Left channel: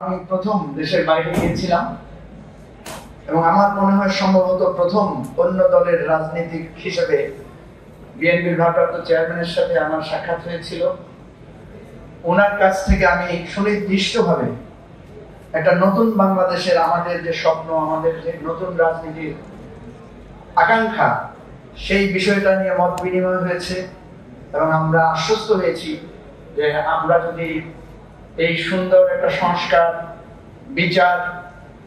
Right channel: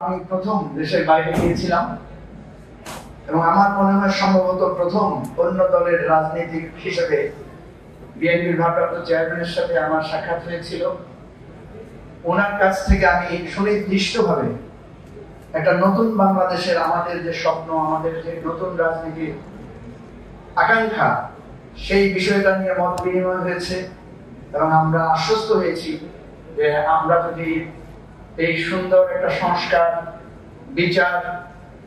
আমি প্রথম দেশের বাইরে গিয়েছিলাম এবং আমার মনে হয় সম্ভবত প্রথম অন্য দলের রাজনীতিক হিসেবে বিএনপির ভারপ্রাপ্ত চেয়ারম্যানের সাথে আমার সাক্ষাৎ হয়েছিল। ওনার কাছ থেকে আমি সুনির্দিষ্টভাবে একটা নতুন বাংলাদেশের আমাদের যে স্বপ্ন, আমাদের যে নতুন রাজনীতির আকাঙ্ক্ষা, সেই বিষয়টা নিয়ে মত বিনিময় হয়েছে এবং আমরা আশ্বস্ত হয়েছি যে আমরা যদি এই সুন্দর একটা সংস্কার, বিচার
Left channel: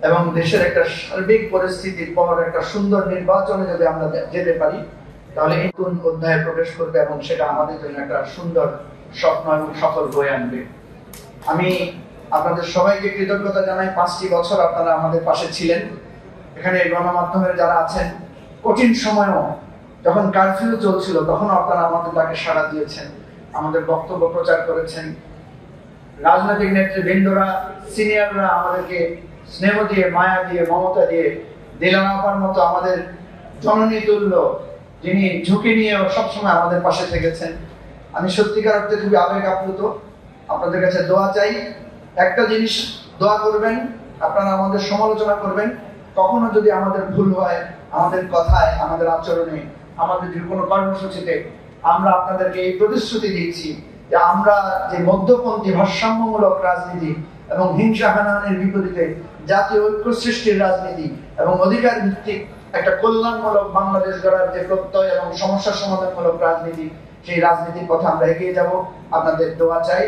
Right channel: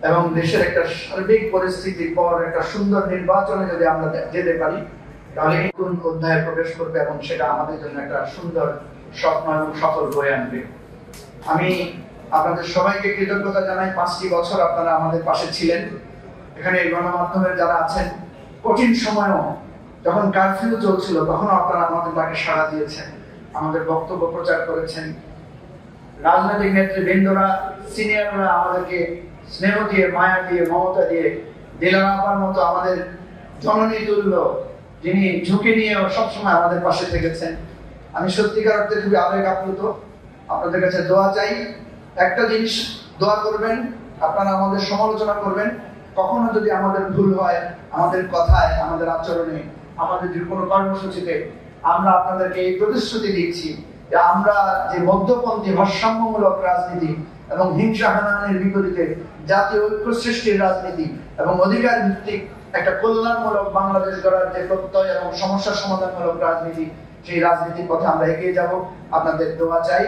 এবং দেশের একটা সার্বিক পরিস্থিতির পর একটা সুন্দর নির্বাচনে যদি আমরা যেতে পারি, তাহলে নতুন অধ্যায়ে প্রবেশ করবে এবং সেটা আমাদের জন্য একটা সুন্দর স্বপ্ন এবং সফল বয়ে আনবে। আমি আপনাদের সবাইকে কৃতজ্ঞতা জানাই। 5টি বছর আপনারা আমাদের পাশে ছিলেন। এখানে গণমাধ্যমের যারা আছেন, কঠিন সময়ও যখন কারফিউ চলছিল তখন আপনারা আমাদের ডাকে সাড়া দিয়েছেন, আমাদের বক্তব্য প্রচার করেছেন। রাজনৈতিক নেতৃবৃন্দরা, সিনিয়ররা আমাদেরকে স্নেহ দিয়ে, মায়া দিয়ে, মমতা দিয়ে, দিলারা আপার মতো আমাদের জননী তুল্য, যিনি ঝুঁকি নিয়েও সবসময় আমাদের পাশে থেকেছেন। আমি সত্যিকার অর্থে খুবই আবেগ আপ্লুত। আপনাদের কাছে দোয়া চাই। একটা জিনিস দোয়া করবেন, আপনারা আমাদের সমালোচনা করবেন। কখনো যদি আমাদের ভুল হয়, আমাদের কথায়, আমাদের আচরণে, আমাদের যে কোনো কর্মসূচিতে, আমরা আপনাদেরকে এই প্রতিশ্রুতি দিচ্ছি যে আমরা যে মধ্যপন্থী ভারসাম্যমূলক রাজনীতি এবং হিংসা হানাহানির বিপরীতে জাতীয় ঐক্য সৃষ্টির রাজনীতি এবং অধিকার ভিত্তিক একটা কল্যাণমূলক বাংলাদেশ গড়ার যে প্রত্যয় এবং সমস্যা সমাধানমূলক রাজনীতি, সেই রাজনীতির পথে আমরা এগিয়ে যাব। আপনাদের দোয়া চাই।